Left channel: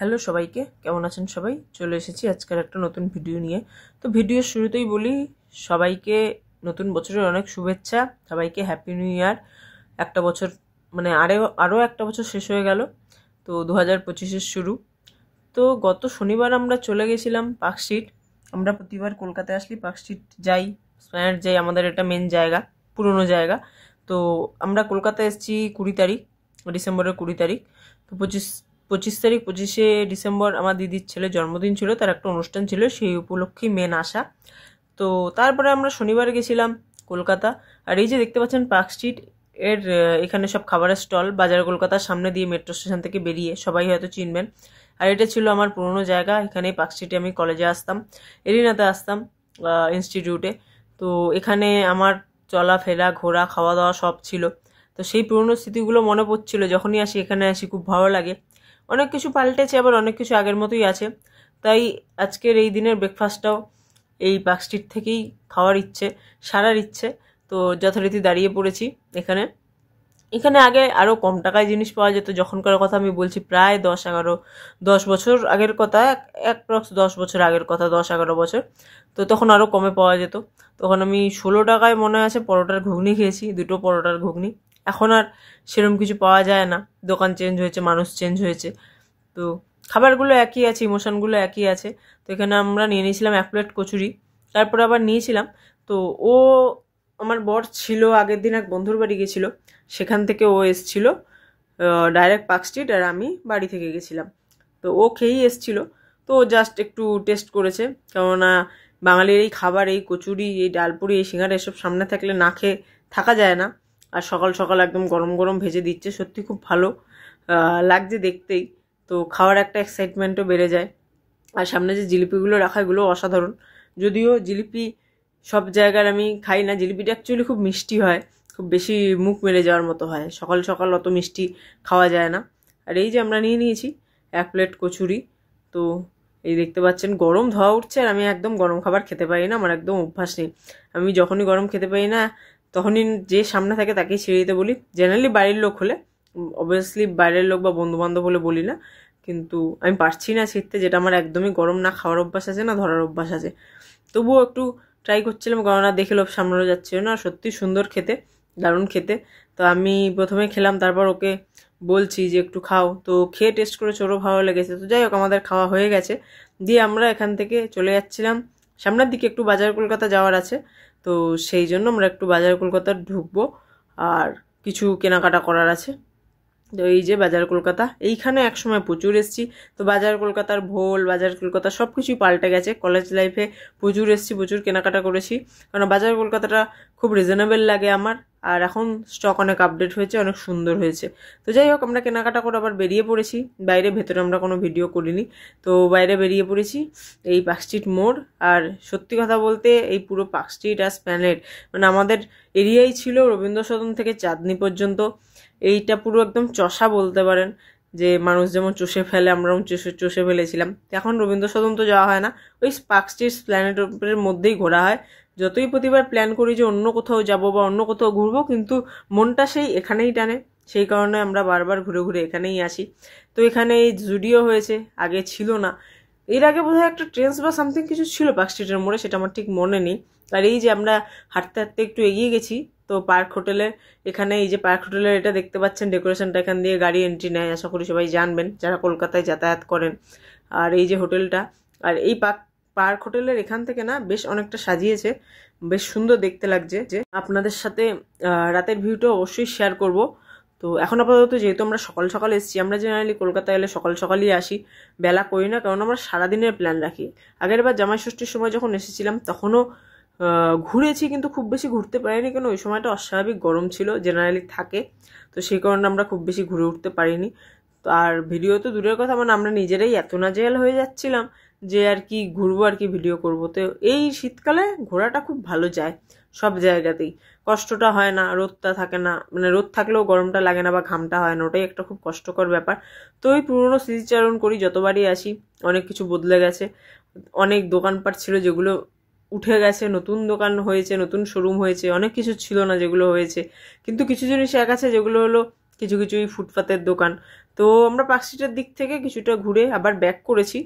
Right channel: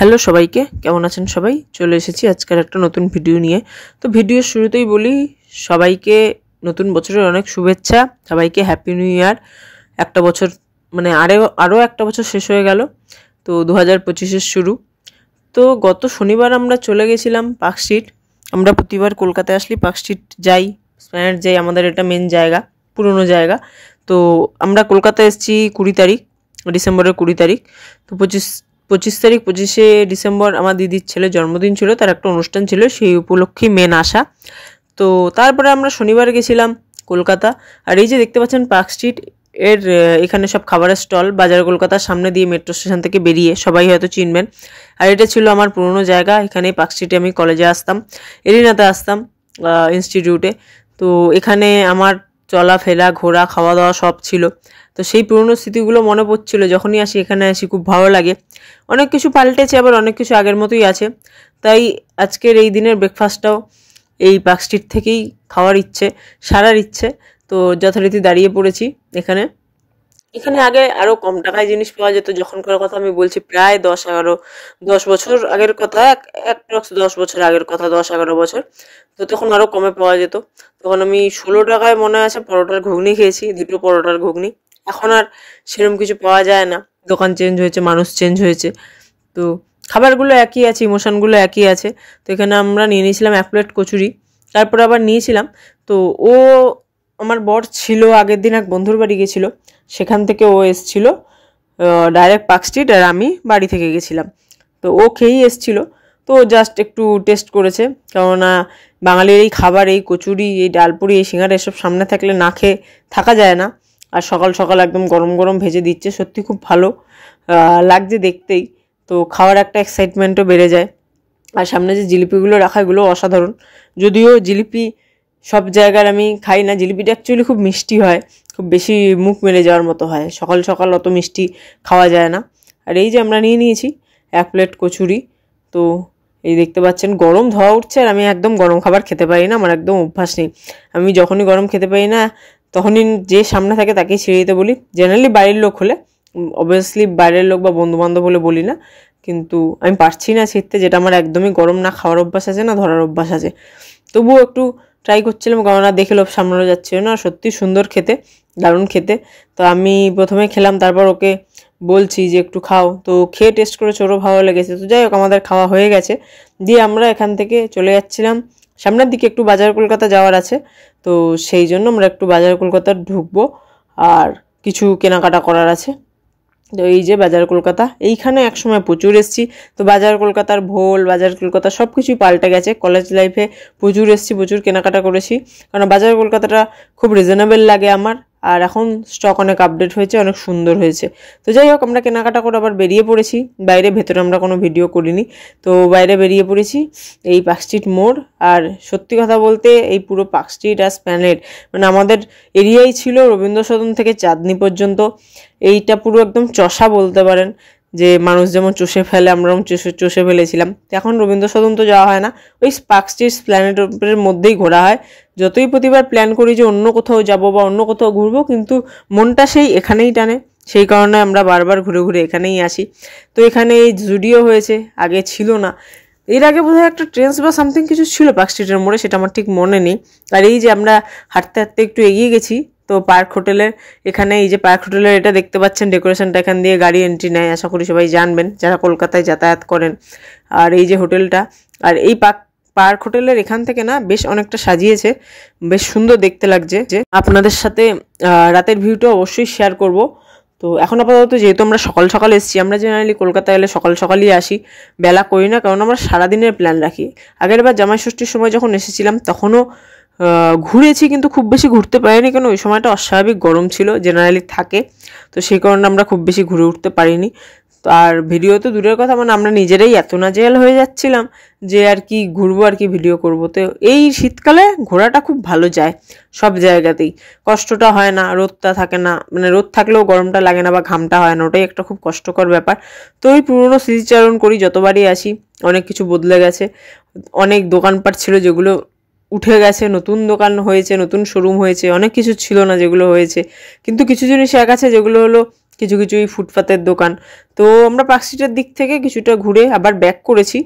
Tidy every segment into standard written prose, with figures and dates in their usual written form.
Hello সবাইকে, কেমন আছেন সবাই? চলে এসেছি আজকের একটা নতুন ভিডিও নিয়ে। তো ভিডিওর শুরুতেই বলি সবাইকে নতুন বছরের অনেক শুভেচ্ছা, সবাইকে হ্যাপি নিউ ইয়ার। একটা বছর মানে আরও একটা বছর শেষ হয়ে গেল, তো 2025-এর শুরু। তো গত শনিবার আমরা চলে গেছিলাম পার্কস্ট্রিট। আমরা প্রতিবার কলকাতায় আসলে পার্কস্ট্রিট যাই, স্প্ল্যানেড যাই, আমাদের এটা মেন জায়গা, পুরনো জায়গা। তো আমরা কলকাতায় এসেছি 20 তারিখ, ডিসেম্বরের 20 তারিখ। তো 25শে ডিসেম্বর আমার দিদির ছেলের জন্মদিন ছিল, তার একটা অনুষ্ঠান ছিল, সেই উপলক্ষেই মেন আসা। তো তারপরে আমরা শনিবার গেছিলাম কলকাতা। আর এই যে দেখতে পাচ্ছেন পার্কস্ট্রিট এর এখানে সব খাবারের স্টল, বাজার কলকাতার সামনে দিয়ে মেট্রো স্টেশন থেকে বেরিয়ে, সবাই হয়তো চিনবেন। আর এটা ছিল আমার পুরনো জায়গা, এখানে পার্কস্ট্রিটে আমি কলেজে আসতাম, এরিনাতে আসতাম ইনস্টিটিউটে। তো এখানে আমার চলাফেরা, ঘোরা, খাওয়া দাওয়া সব ছিল। তো সেই পুরনো স্মৃতিগুলো মনে পড়ছিল, যখনই আসি এখানে আসি খুব ভালো লাগে। অনেক কিছু পাল্টেছে, আবার অনেক কিছু আগের মতোই আছে। তাই আজকের এই দিনের ব্রেকফাস্টটাও এই পার্কস্ট্রিট থেকেই খাওয়ার ইচ্ছে, সারার ইচ্ছে। তো যথারীতি দাঁড়িয়ে পড়েছি এখানে। এখানে আগে আরও কম টাকায় জিনিস পাওয়া যেত, যখনকার কথা আমি বলছি প্রায় 10 বছর আগের কথা, অ্যাপ্রক্স 10 বছর আগের কথা, 10-11 বছর। তো তখন আরও কমে পাওয়া যেত। তখন আমি 16 টাকায় মনে আছে পরোটার ঘুগনি খেয়েছি, 2টো পরোটার ঘুগনি। এখন আর সেরকম কিছু পাওয়া যায় না, দোকান চেঞ্জ হয়েছে, মানুষ চেঞ্জ হয়েছে। তো খাবারগুলো একই আছে, ইমোশনগুলো একই আছে। তো এখানে আমরা নিয়ে নিয়েছিলাম 1 প্লেট কচুরি, তারপরে আবার নিয়েছিলাম। তো ও আমার বর ছিল আগের দিন এক বন্ধুর বাড়ি গেছিলো, সেখান থেকে ও এসছিল ডাইরেক্ট পার্কস্ট্রিট, আর আমি বাড়ি থেকে গেছিলাম। তো ও খেয়েই এসছিল। তো জাস্ট একটু টেস্ট করেছে, কেননা বাঙালির এই খাবার, এই কচুরি, এই ডালপুরি, এই সিঙ্গারা, এসব সামনে থাকলে না খেয়ে থাকা যায় না। আর সকাল সকাল একদম গরম গরম ভেজে দিচ্ছে, সত্যি খুব ভালো লাগছে দেখতেই। তো খাওয়ার একটা এক্সাইটমেন্টও বেড়ে যায়। আর সামনে যে জিলিপিগুলো রাখা, এগুলো অসাধারণ। যদিও জিলিপি সব জায়গার আমি খাই না, জিলিপিটা অ্যাকচুয়ালি খুব মিষ্টি হয়, খুব বেশি মুখ মেলে যাওয়ার মতো হয়, সকাল সকাল অত মিষ্টি খাওয়া যায় না। আর এই যে আমরা নিয়ে নিয়েছি 1 প্লেট কচুরি। তো এই দেখতে পাচ্ছেন গরম ধোয়া উঠছে, আর আমি একদম গরম খাবার খেতে পারি না, আমার একদম অভ্যাস নেই। আমি যখনই গরম খেতে পারি না, তখনই যে সামনে থাকে তাকেই ছেড়ে দিতে বলি। জেনারেলি বাড়ির লোক হলে, অবভিয়াসলি বাইরের লোক বা বন্ধুবান্ধব হলে বলি না, কিন্তু আমি পারছি না ছিঁড়তে, যেটা আমার একদমই গরম না খাওয়ার অভ্যাস আছে, না ধরার অভ্যাস আছে। তবুও একটু ট্রাই করছিলাম, কেননা দেখে লোভ সামলানো যাচ্ছিল না। সত্যি সুন্দর খেতে, দারুণ খেতে। তো আমি প্রথমে খেলাম, তারপর ওকে বলছি যে একটু খাও। তো খেয়ে টেস্ট করেছে, ওরও ভালো লেগেছে। তো যাই হোক, আমাদের খাওয়া হয়ে গেছে। দিয়ে আমরা এখান থেকে চলে যাচ্ছিলাম সামনের দিকে, একটু বাজার কলকাতা যাওয়ার আছে। তো সেই জন্য আমরা একটু বাজার কলকাতা ঢুকবো, আর কিছু কেনাকাটা করার আছে। তো এই যে বাজার কলকাতা, এইখানে একসময় প্রচুর এসেছি। তো বাজার কলকাতার ভোল, বাজার কলকাতা সব কিছুই পাল্টে গেছে। কলেজ লাইফে প্রচুর এসেছি, প্রচুর কেনাকাটা করেছি, কারণ বাজার কলকাতাটা খুব রিজনেবল লাগে আমার। আর এখন স্টক অনেক আপডেট হয়েছে, অনেক সুন্দর হয়েছে। তো যাই হোক, আমরা কেনাকাটা করে আবার বেরিয়ে পড়েছি বাইরে। ভেতরে আমরা কোনো ভিডিও করিনি। তো বাইরে বেরিয়ে পড়েছি এই পার্কস্ট্রিট মোড়। আর সত্যি কথা বলতে এই পুরো পার্কস্ট্রিট আর স্প্ল্যানেড, মানে আমাদের এরিয়াই ছিল রবীন্দ্র সদন থেকে চাঁদনি পর্যন্ত। এইটা পুরো একদম চষা বলতে পারেন, যে মানুষ যেমন চষে ফেলে, আমরাও চষে ফেলেছিলাম। এখন রবীন্দ্র সদন তো যাওয়া হয় না, ওই পার্কস্ট্রিট স্প্ল্যানেডের মধ্যেই ঘোরা হয়। যতই প্রতিবার প্ল্যান করি যে অন্য কোথাও যাব বা অন্য কোথাও ঘুরবো, কিন্তু মনটা সেই এখানেই টানে। সেই কারণে আমরা বারবার ঘুরে ঘুরে এখানেই আসি। তো এখানে এই জুডিও হয়েছে, আগে ছিল না। এর আগে বোধহয় একটা ট্রেন্ডস বা সামথিং কিছু ছিল পার্কস্ট্রিটের মোড়ে, সেটা আমার ঠিক মনে নেই। আর এই যে আমরা হাঁটতে হাঁটতে একটু এগিয়ে গেছি, তো পার্ক হোটেলের এখানে, এই যে পার্ক হোটেলের এটা দেখতে পাচ্ছেন ডেকোরেশনটা, এখান দিয়ে গাড়ি এন্ট্রি নেয়, আশা করি সবাই জানবেন যারা কলকাতায় যাতায়াত করেন। আর এই যে হোটেলটা, আর এই পার্ক হোটেলের এখান থেকে না বেশ অনেকটা সাজিয়েছে, বেশ সুন্দর দেখতে লাগছে। যে আপনাদের সাথে রাতের ভিউটা অবশ্যই শেয়ার করব। তো এখন আপাতত যেহেতু আমরা সকাল সকাল এসেছি, আমরা জেনারেলি কলকাতায় এলে সকাল সকালই আসি, বেলা করি না, কারণ আমরা সারাদিনের প্ল্যান রাখি। আগের বার জামাই ষষ্ঠীর সময় যখন এসেছিলাম তখনও ঘুরেছি, কিন্তু খুব বেশি ঘুরতে পারিনি, কারণ ওই সময়টা অস্বাভাবিক গরম ছিল, জেনারেলি থাকে। তো সেই কারণে আমরা খুব বেশি ঘুরে উঠতে পারিনি। তো আর ভিডিও তো দূরের কথা, মানে আমরা নিজেরাই এত নাজেহাল হয়ে যাচ্ছিলাম যে আর কি ঘুরবো, আর কি ভিডিও করবো। তো এই শীতকালে ঘোরাটা খুব ভালো যায়, সব জায়গাতেই কষ্টটা হয় না, রোদটা থাকে না, মানে রোদ থাকলেও গরমটা লাগে না বা ঘামটা হয় না, ওটাই একটা খুব কষ্টকর ব্যাপার। তো ওই পুরনো স্মৃতিচারণ করি যতবারই আসি। অনেক কিছু বদলে গেছে, অনেক দোকানপাট ছিল যেগুলো উঠে গেছে, নতুন দোকান হয়েছে, নতুন শোরুম হয়েছে, অনেক কিছু ছিল না যেগুলো হয়েছে। কিন্তু কিছু জিনিস এক আছে যেগুলো হলো কিছু কিছু এই ফুটপাতের দোকান। তো আমরা পার্ক স্ট্রিটের দিক থেকে কিছুটা ঘুরে আবার ব্যাক করেছি।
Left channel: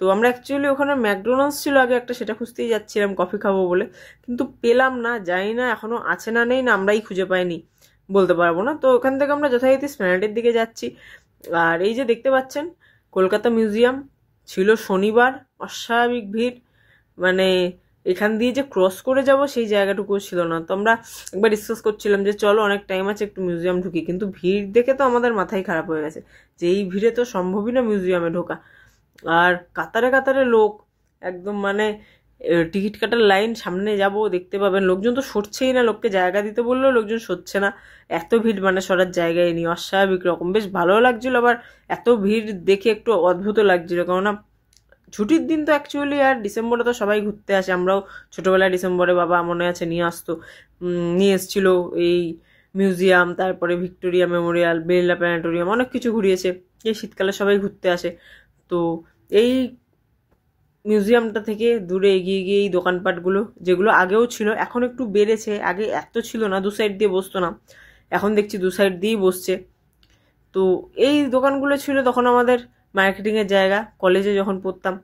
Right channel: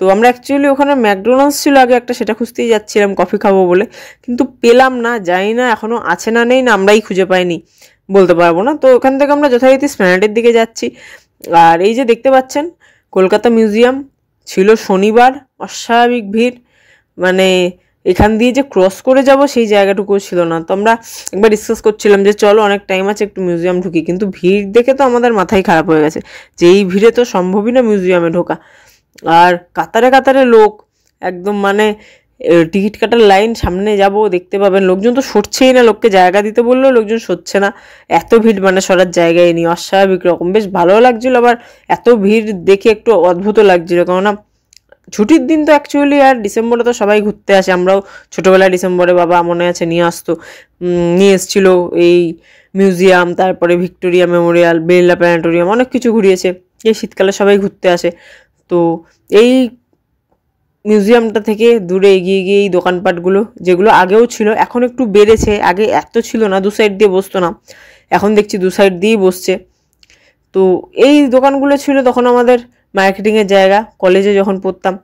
তো আমরা অ্যাকচুয়ালি ওখানে ম্যাকডোনাল্ডস ছিল আগে একটা, সেটা খুঁজতেই যাচ্ছিলাম কফি খাবো বলে, কিন্তু পেলাম না, জানি না এখনও আছে না নেই, না আমরাই খুঁজে পাইনি বলতে পারবো না। তো ওখান থেকে আমরা যথারীতি এসপ্ল্যানেডের দিকে যাচ্ছি। আর এই যে দেখতে পাচ্ছেন কলকাতা মিউজিয়াম, ছিল শনিবার, অস্বাভাবিক ভিড়, মানে এখান দিয়ে যে ক্রস করে যাব সেই জায়গাটুকুও ছিল না। তো আমরা একবার ডিসকাস করছিলাম যে চলো অনেক টাইম আছে একটু মিউজিয়াম ঢুকি, কিন্তু ভিড় দেখে তো আমাদের মাথাই খারাপ হয়ে গেছে যে এই ভিড়ে তো সম্ভবই না মিউজিয়ামে ঢোকা। আর কাতারে কাতারে লোক, একদম মানে টিকিট কাটার লাইন, সামনে যাব দেখতে পাবেন লোকজন তো সরছেই না, লোককে জায়গা দিতে বললেও লোকজন সরছে না, এত ভিড়, মানে সরার জায়গায় নেই, অস্বাভাবিক রকম। বেশ ভালো লাগছিল, আবার এত ভিড় দেখে একটু অদ্ভুত লাগছিল, কেননা ছুটির দিন তো অ্যাকচুয়ালি, আর ডিসেম্বরে তো সবাই ঘুরতে আসে, আমরাও ছোটোবেলায় ডিসেম্বরে বাবা মনে আছে নিয়ে আসতো, নিয়ে এসেছিলো এই মিউজিয়াম, তারপরে ভিক্টোরিয়া মেমোরিয়াল, বিড়লা প্ল্যানেটোরিয়াম, অনেক কিছু ঘুরিয়েছে। এই শীতকালে সবাই ঘুরতে আসে। তো এই মিউজিয়ামটা থেকে দূরে এগিয়ে গিয়ে এই দোকানপাটগুলো, যেগুলো আগেও ছিল, এখন একটু বেড়েছে, আগে এত ছিল না, দু সাইড দিয়ে বসতো না, এখন দেখছি দু সাইড দিয়েই বসছে। তো এই দোকানগুলো ছিল তখন আমাদের মার্কেটিংয়ের জায়গা, কলেজে যখন পড়তাম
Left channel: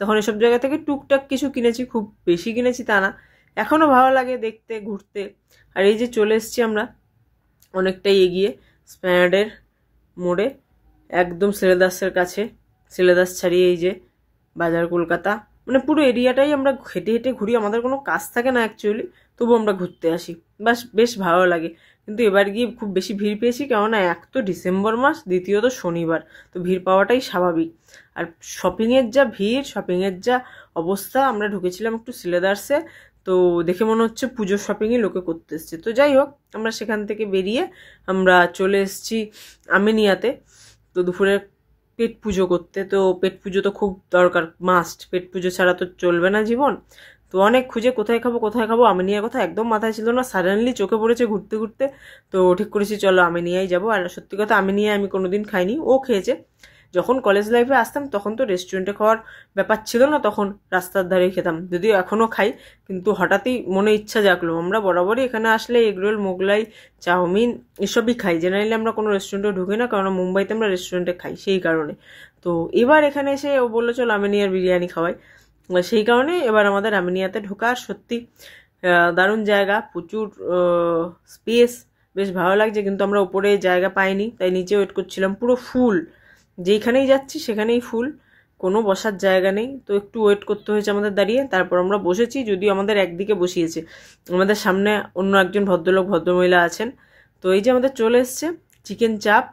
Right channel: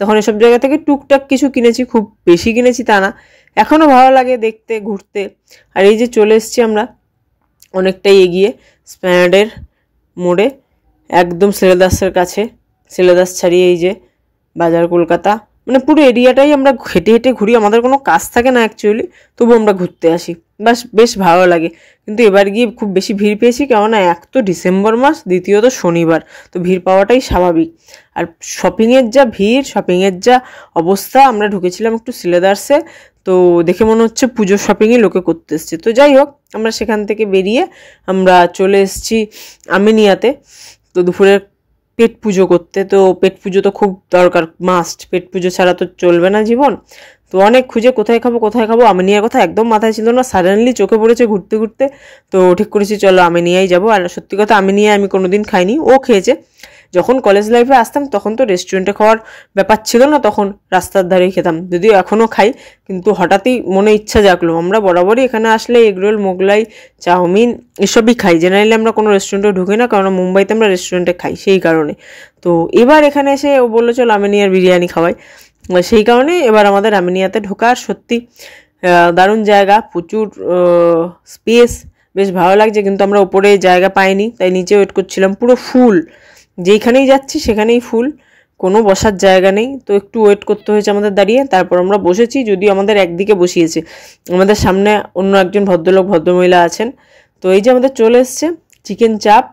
তখন এসব জায়গা থেকে টুকটাক কিছু কিনেছি, খুব বেশি কিনেছি তা না, এখনও ভালো লাগে দেখতে ঘুরতে। আর এই যে চলে এসেছি আমরা অনেকটাই এগিয়ে এসপ্ল্যানেডের মোড়ে, একদম শ্রীলেদার্সের কাছে, শ্রীলেদার্স ছাড়িয়ে এই যে বাজার কলকাতা, মানে পুরো এরিয়াটাই আমরা হেঁটে হেঁটে ঘুরি, আমাদের কোনো কাজ থাকে না অ্যাকচুয়ালি, তবু আমরা ঘুরতে আসি, বেশ ভালো লাগে। কিন্তু এবার গিয়ে খুব বেশি ভিড় পেয়েছি, কেননা এক তো ডিসেম্বর মাস, দ্বিতীয়ত শনিবার, তো ভিড় পাওয়াটাই স্বাভাবিক। আর শপিংয়ের যা ভিড়, শপিংয়ের যা অবস্থা, আমরা ঢুকেছিলাম একটু শ্রীলেদার্সে, তো দেখে মনে হচ্ছে পুজোর শপিংই লোকে করতে এসছে। তো যাই হোক, আমরা সেখান থেকে বেরিয়ে আমরা চলে এসেছি আমিনিয়াতে, তো দুপুরের পেট পুজো করতে। তো পেট পুজো তো খুব দরকার, মাস্ট, পেট পুজো ছাড়া তো চলবে না জীবন। তো অনেক খুঁজে কোথায় খাবো, আমিনিয়ার কথা একদম মাথায় ছিল না, সাডেনলি চোখে পড়েছে ঘুরতে ঘুরতে, তো ঠিক করেছি চলো আমিনিয়াই যাবো। আর সত্যি কথা আমিনিয়া আমি কোনোদিন খাইনি, ও খেয়েছে। যখন কলেজ লাইফে আসতাম তখন তো রেস্টুরেন্টে খাওয়ার ব্যাপার ছিল না, তখন রাস্তার ধারেই খেতাম, যদিও এখনও খাই, কিন্তু হঠাৎই মনে ইচ্ছা জাগলো। আমরা বরাবরই এখানে আসলে এগরোল, মোগলাই, চাউমিন এসবই খাই, জেনারেলি আমরা কোনো রেস্টুরেন্টে ঢুকি না, কারণ মুম্বাইতে আমরা রেস্টুরেন্টে খাই সেই কারণে। তো এবার এখানে এসে ও বললো চলো আমিনিয়ার বিরিয়ানি খাওয়াই, সেই কারণে এবার আমাদের আমিনিয়াতে ঢোকার। সত্যি দারুণ জায়গা, প্রচুর স্পেস, বেশ ভালো লাগছে, কিন্তু আমরা ওপরে জায়গা পাইনি, তাই নিচে ওয়েট করছিলাম, পুরো ফুল, যেইখানেই যাচ্ছি সেখানেই ফুল, কোনো বসার জায়গা নেই। তো একটু ওয়েট করতে হয়েছে আমাদের দাঁড়িয়ে, তারপর আমরা বসেছি, যদিও আমাদের একদিকে বসিয়েছে, আমাদের সামনে অন্য একজন ভদ্রলোক ভদ্রমহিলা আছেন। তো এই যে আমাদের চলে এসছে চিকেন চাপ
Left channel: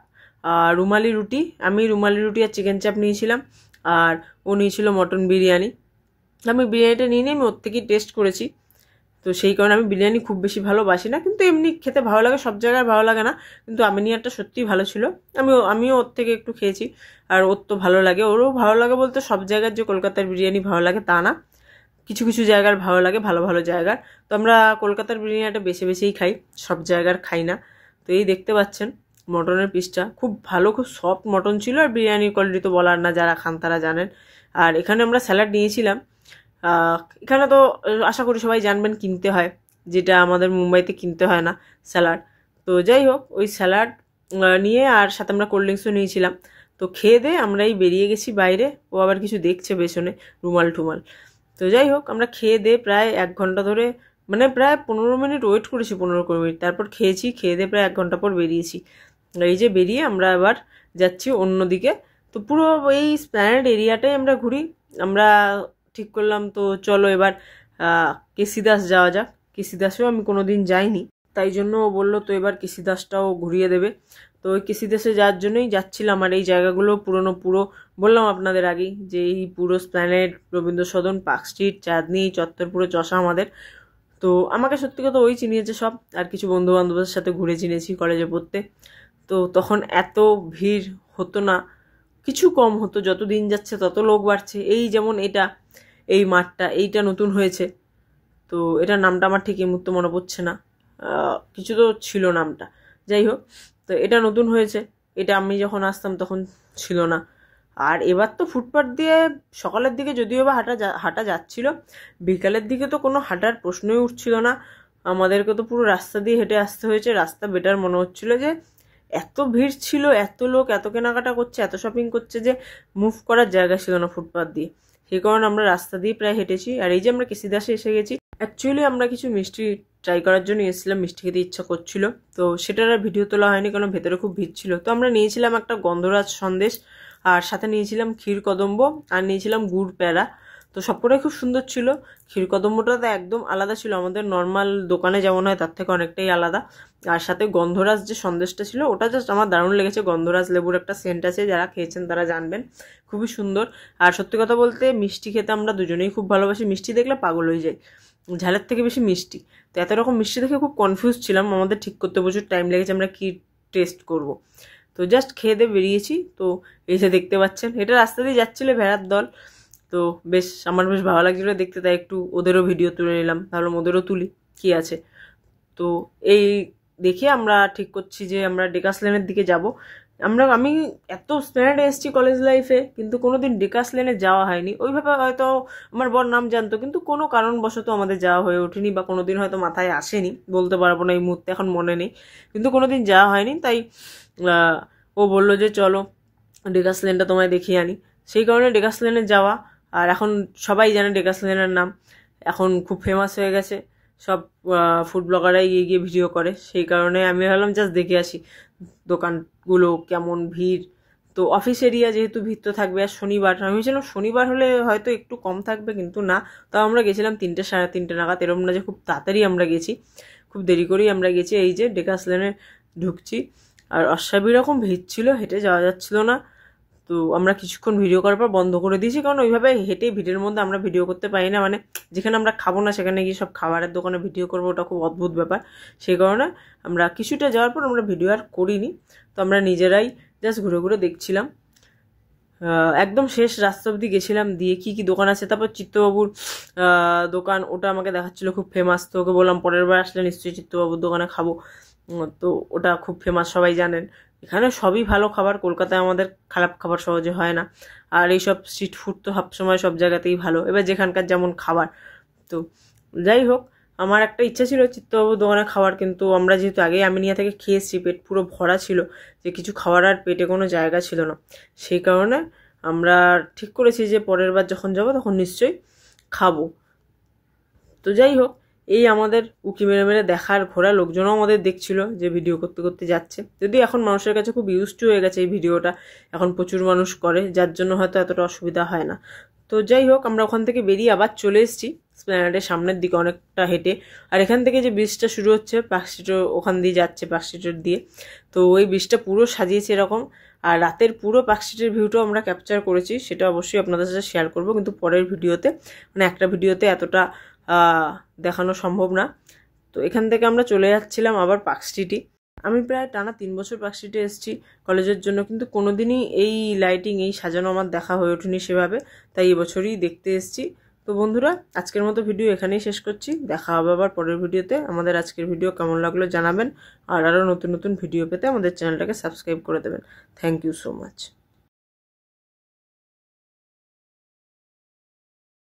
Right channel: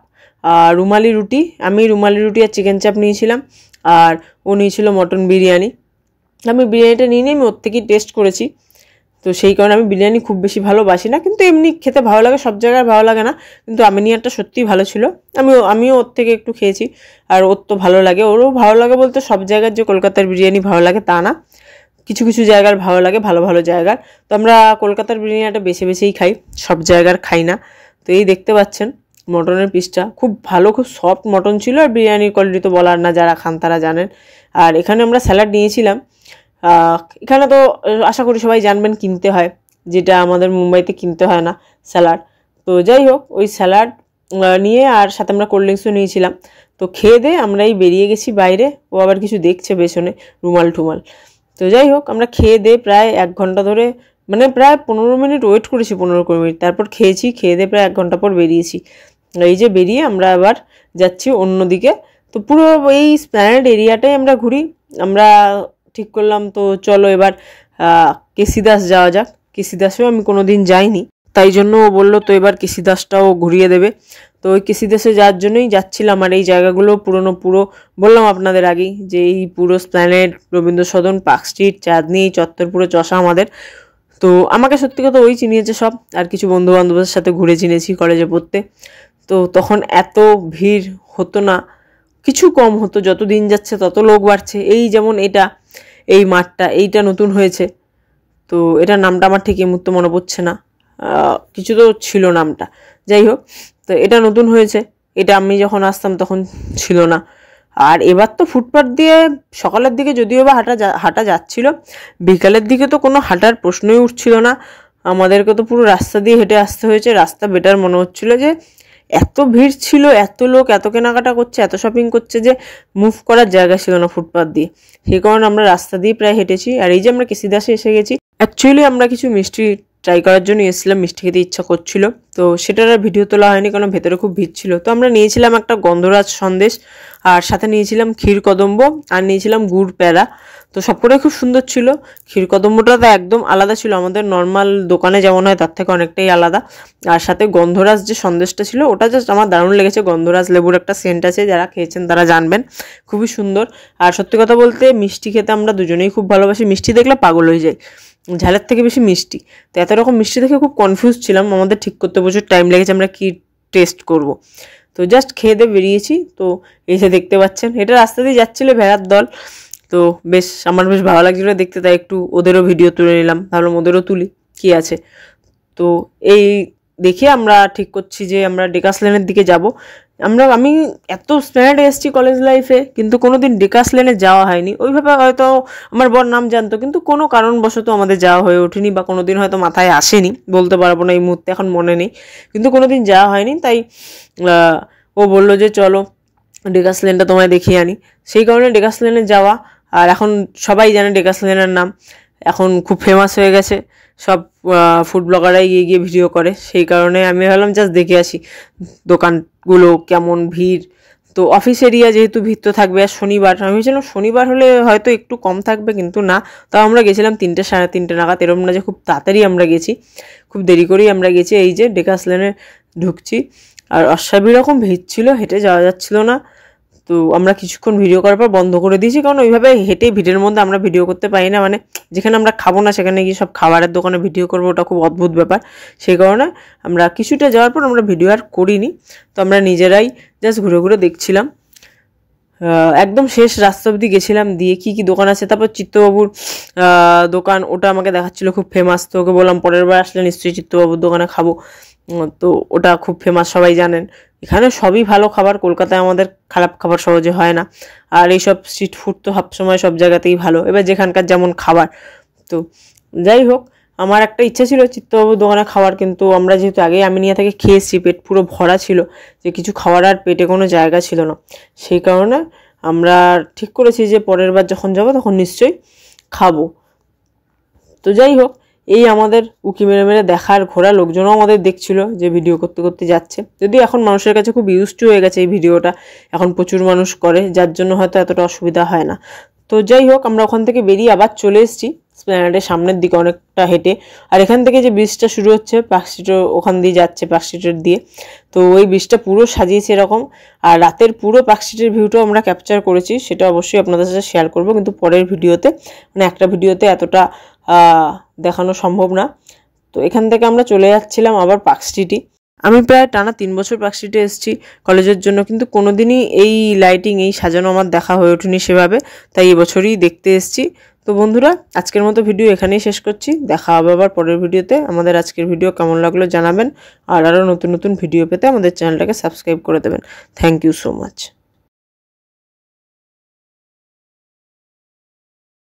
আর রুমালি রুটি, আমি রুমালি রুটি আর চিকেন চাপ নিয়েছিলাম, আর ও নিয়েছিল মটন বিরিয়ানি। আমি বিরিয়ানিটা নিয়ে নিয়ে আমি ওর থেকেই টেস্ট করেছি, তো সেই কারণে আমি বিরিয়ানি খুব বেশি ভালোবাসি না, কিন্তু এমনি খেতে ভালো লাগে, সব জায়গায় ভালো লাগে না, কিন্তু আমিনিয়ারটা সত্যিই ভালো ছিল। আমিও ওর থেকে একটু খেয়েছি, আর ওর তো ভালো লাগে, ওরও ভালো লাগে বলতে সব জায়গার যে কলকাতার বিরিয়ানি ভালো লাগে তা না, কিছু কিছু জায়গার ভালো লাগে, ভালো ভালো জায়গার। তো আমরা কলকাতার বিরিয়ানিটা বেছে বেছেই খাই, সব জায়গার খাই না। তো এই দেখতে পাচ্ছেন মটনের পিসটা খুব ভালো, খুব সফট মটন ছিল, আর বিরিয়ানির কোয়ালিটি তো বলার না, যারা খান তারা জানেন। আর এখানে আমরা স্যালাড নিয়েছিলাম, এখানে তো আশা করি সবাই জানবেন কিনতে হয়, যেটা আমাদের মুম্বাইতে কিনতে হয় না স্যালাড। তো যাই হোক, ওই স্যালাড নিয়ে আর সাথে আমরা কোল্ড ড্রিঙ্কসও নিয়েছিলাম। তো খেয়ে দিয়ে আমরা এই বেরিয়ে গেছি বাইরে, ও আবার কিছু দেখছে পেছনে, রুমাল টুমাল। তো যাই হোক, আমরা খেয়ে দিয়ে প্রায় 1 ঘন্টা ধরে, মানে প্রায় 15 মিনিট ওয়েট করেছি, 15-20 মিনিট, তারপর খেয়েছি, খেয়ে দিয়ে প্রায় 1 ঘন্টা পর বেরিয়েছি। এই যে বেরিয়ে আমরা আবার যাচ্ছি অন্যদিকে। তো পুরো এই এসপ্ল্যানেড এরিয়াটাই আমরা ঘুরি। আমরা ঠিক করলাম তো চলো এবার কেসিদাস যাওয়া যাক, কেসিদাসেও আমি কোনোদিন যাইনি, তাই জন্য ও বললো তো এবার কেসিদাসটাও ঘুরিয়ে দেবে। তো ওই কেসিদাসে যাওয়ার জন্যই যাচ্ছিলাম। আর এই জায়গাগুলো পুরো বললাম আপনাদের আগেই যে এই পুরো Esplanade, Rabindra Sadan, park street, চাঁদনি চত্বর, পুরো চষা আমাদের। তো আমাকে সত্যি কথা ওই চিনিয়েছে সব, আর কিছু বন্ধু বান্ধবের সাথে ঘুরে চিনেছি কলেজে পড়তে। তো তখন এত ভিড় হতো না, কিছু কম হতো, যত দিন যাচ্ছে তত লোক বাড়ছে। এই যেমন এই মাঠটা, এইটা নতুন হয়েছে, তো এটার নামটা আমার ঠিক এই মুহূর্তে মনে পড়ছে না, কিছু তো ছিল নামটা, যাই হোক। তো এটা নতুন হয়েছে, এটা আমি যখন আসতাম তখন ছিল না। আর এবার তো ফুটপাথ দিয়ে সকালের দিকে যদিও বা হাঁটা যাচ্ছিল, বিকালের দিকে তো কোনো হাঁটার প্রশ্নই উঠছিল না, আমাদেরকে তো পুরো রাস্তা দিয়ে হেঁটে আসতে হয়েছে। রাস্তা বেটার মনে হচ্ছিল যে এত ভিড় ছিল, এত লোক এত কেনাকাটা করছে, এত শপিং করছে যে মুভ করার জায়গা ছিল না ফুটপাথ দিয়ে। সেই কারণে আমরা রাস্তা দিয়ে প্রায় হেঁটেছি। আর এই যে আমরা কেসিদাসে এসে গেছি, অ্যাকচুয়ালি আমরা কিছু মিষ্টি ট্রাই করার জন্য এসেছিলাম, মিষ্টি খেতে ইচ্ছা করছিল, তো সেটার আর ভিডিও তোলা হয়নি কারণ ভেতরে খুব ভিড় ছিল। তো আমরা নিয়েছিলাম একটা গন্ধরাজ সন্দেশ, আর সাথে নিয়েছিলাম ক্ষীর কদম্ব, আর নিয়েছিলাম গুড় প্যাড়া। তো সবকটাই খুব সুন্দর ছিল। ক্ষীর কদম্বটা তো একদম আলাদা ছিল, আমাদের নর্মাল দোকানে যেমন হয় তার থেকে অনেকটাই আলাদা। আর সাথে গন্ধরাজ যে সন্দেশটা ছিল ওটা জাস্ট আমার দারুণ লেগেছে। গন্ধরাজ লেবুর একটা সেন্ট আছে, যারা খেয়েছেন তারা জানবেন, খুবই সুন্দর। আর সত্যি কথা বলতে মিষ্টি খেতে আমরা দুজনেই খুব ভালোবাসি, মিষ্টি দেখলে পাগল হয়ে যাই, ঝালের থেকে বেশি মিষ্টি। তো এত রকম মিষ্টি দেখে খুব কনফিউজ ছিলাম, আমাদের ঠিক করতে প্রচুর টাইম লেগেছে আমরা কি টেস্ট করব। তো জাস্ট খেয়ে দিয়ে বেরিয়েছি। তো এসে দেখতে পাচ্ছেন এটা রাস্তা দিয়ে যাচ্ছিলো ভেড়ার দল। তো বেশ আমার বেশ ভালো লাগছিলো দেখতে, তাই একটু ওদেরও ভিডিও তুলে নিলাম, ভাবলাম ওদেরও তুলি কি আছে। তো এই দেখে আমরা ঠিক করছি যে আমরা ডেকাস লেনের দিকে যাব। আমি এত স্প্ল্যানেডে এসেছি কলেজ লাইফে, কিন্তু কোনোদিন ডেকাস লেনে যাওয়া হয়নি। ওইভাবে হয়তো আমার বর নাম জানতো, কিন্তু কোনো কারণবশত আমাদের যাওয়া হয়ে ওঠেনি, বা কোনোদিন হয়তো মাথায় আসেনি, বলতে পারবো না এই মুহূর্তে, এখন মনে নেই, কিন্তু কোনোদিন যাওয়া হয়নি। তাই ও বললো যে চলো ডেকাস লেনটা তোমায় দেখিয়ে আনি, সেই কারণে ডেকাস লেনে যাওয়া। আর এখন সবাই জানে ডেকাস লেনের নাম, এখন খুব ফেমাস হয়ে গেছে, সব ফুড ব্লগাররাই গিয়ে গিয়ে ভিডিও করে। সেই কারণে আমি ভাবলাম জাস্ট দেখে আসি দোকানগুলো কেমন ভিড়। তো অফিস এরিয়া যেহেতু ভিড় তো থাকবে, আর শনিবার, আমি ভেবেছিলাম শনিবার হলে হয়তো একটু কম থাকবে, কিন্তু না। তাও আমরা গেছিলাম 3টে সাড়ে 3টে নাগাদ, এরকম না যে খুব তাড়াতাড়ি আমরা গেছি, খুব দেরি করেই আমরা গেছি। এই যে ডেকাস লেনে ঢুকছি, আর অস্বাভাবিক রকম ভিড় ছিল, হেঁটে যাওয়া যাচ্ছিল না। তো আমরা কিছুক্ষণ ভিডিও করার পর বন্ধ করে দিয়েছি, কারণ ওইভাবে হেঁটে ভিড়ের মধ্যে আমরা ভিডিও করতে পারি না, মানে যেখানে আমরা খাবো না সেখানে গিয়ে সব খাবারের দোকানে ভিডিও করবো, ওটা খুব অদ্ভুত ব্যাপার। সেই কারণে আমরা কিছুটা যাওয়ার পর আমরা ভিডিও আর করিনি। তো আমরা নিজেরাই জাস্ট ঘুরে ঘুরে দেখছিলাম, একদম শেষ রাস্তা অবধি গেছিলাম, দিয়ে কি কি দোকান আছে। তারপর চিত্তবাবুর দোকান, ওটা আমাকে দেখাচ্ছিল খুব ফেমাস। তো ওকে বললাম পরের বার আসলে নিশ্চয়ই চিত্তবাবুর দোকানে খাবো। তো ওটা খুব ফেমাস, সবাই জানেন। এখানে সবই ভালো খাবার, কলকাতায় আমাদের খারাপ খাবার সহজে হয় না। আর এইসব স্ট্রিট ফুড তো সবসময় সব জায়গাতেই ভালো, এবার যেখানকার যেমন খাবার। তো যাই হোক, আমার একটা ইচ্ছা ছিল চিত্তবাবুর দোকানে খাওয়ার, কিন্তু আমরা যেহেতু আগে আমিনিয়া থেকে খেয়েছি, পেট পুরো ভরা ছিল, যে কিছু খাওয়ার আর পেটে কোনো জায়গা ছিল না। সেই কারণে আমরা ঠিক করেছি যে পরের বার যখন যাবো তখন নিশ্চয়ই খাবো। তো যাই হোক, এই আমাদের উকি মেরে মেরে দেখার ঘোরা, লোকজনও আমাদের দেখছিল যে ভিডিও করতে করতে যাচ্ছে। যদিও এখন মানুষের কাছে খুব ইউজড হয়ে গেছে এই ভিডিওটা, এখন প্রচুর মানুষ করে, যার জন্য হয়তো এতটা অসুবিধা হয় না। তো যাই হোক, আমরা ওখান থেকে বেরিয়ে আবার চলে এসেছি স্প্ল্যানেডের সামনের দিকে অনেকটা হেঁটে। আর এখান থেকে যে ব্রিজটা শুরু হচ্ছে পার্কস্ট্রিটের ওখান দিয়ে যাচ্ছে, পার্কস্ট্রিটের দিয়ে। তো ওই ব্রিজটা পুরো সাজিয়েছে এরকম। আর রাতের পুরো পার্কস্ট্রিটের ভিউটাও আমরা ক্যাপচার করেছি, সেটা অবশ্যই আপনাদের সাথে শেয়ার করবো, কিন্তু পরের ভিডিওতে, মানে একটা ভিডিওতে এতটা দেখানো সম্ভব না। তো এখান থেকে আমরা চলে যাচ্ছিলাম আবার পার্ক স্ট্রিটে। আমি প্রায় টানা 3 বছর পার্ক স্ট্রিটে এসেছি কলেজের জন্য, কিন্তু কোনোদিনই এই লাইটিং, এই সাজানো আমার দেখা হয়ে ওঠেনি সেভাবে, তাই এবছরই দেখতে এসেছি। তো বন্ধুরা, আজকের মতো ভিডিও এখানেই শেষ করছি, দেখা হবে আবার পরের ভিডিওতে। আমাদের আজকের ভিডিও কেমন লাগলো জানাবেন, আর আরও নতুন নতুন ভিডিও পেতে আমাদের চ্যানেলটাকে সাবস্ক্রাইব করে দেবেন। Thank you so much.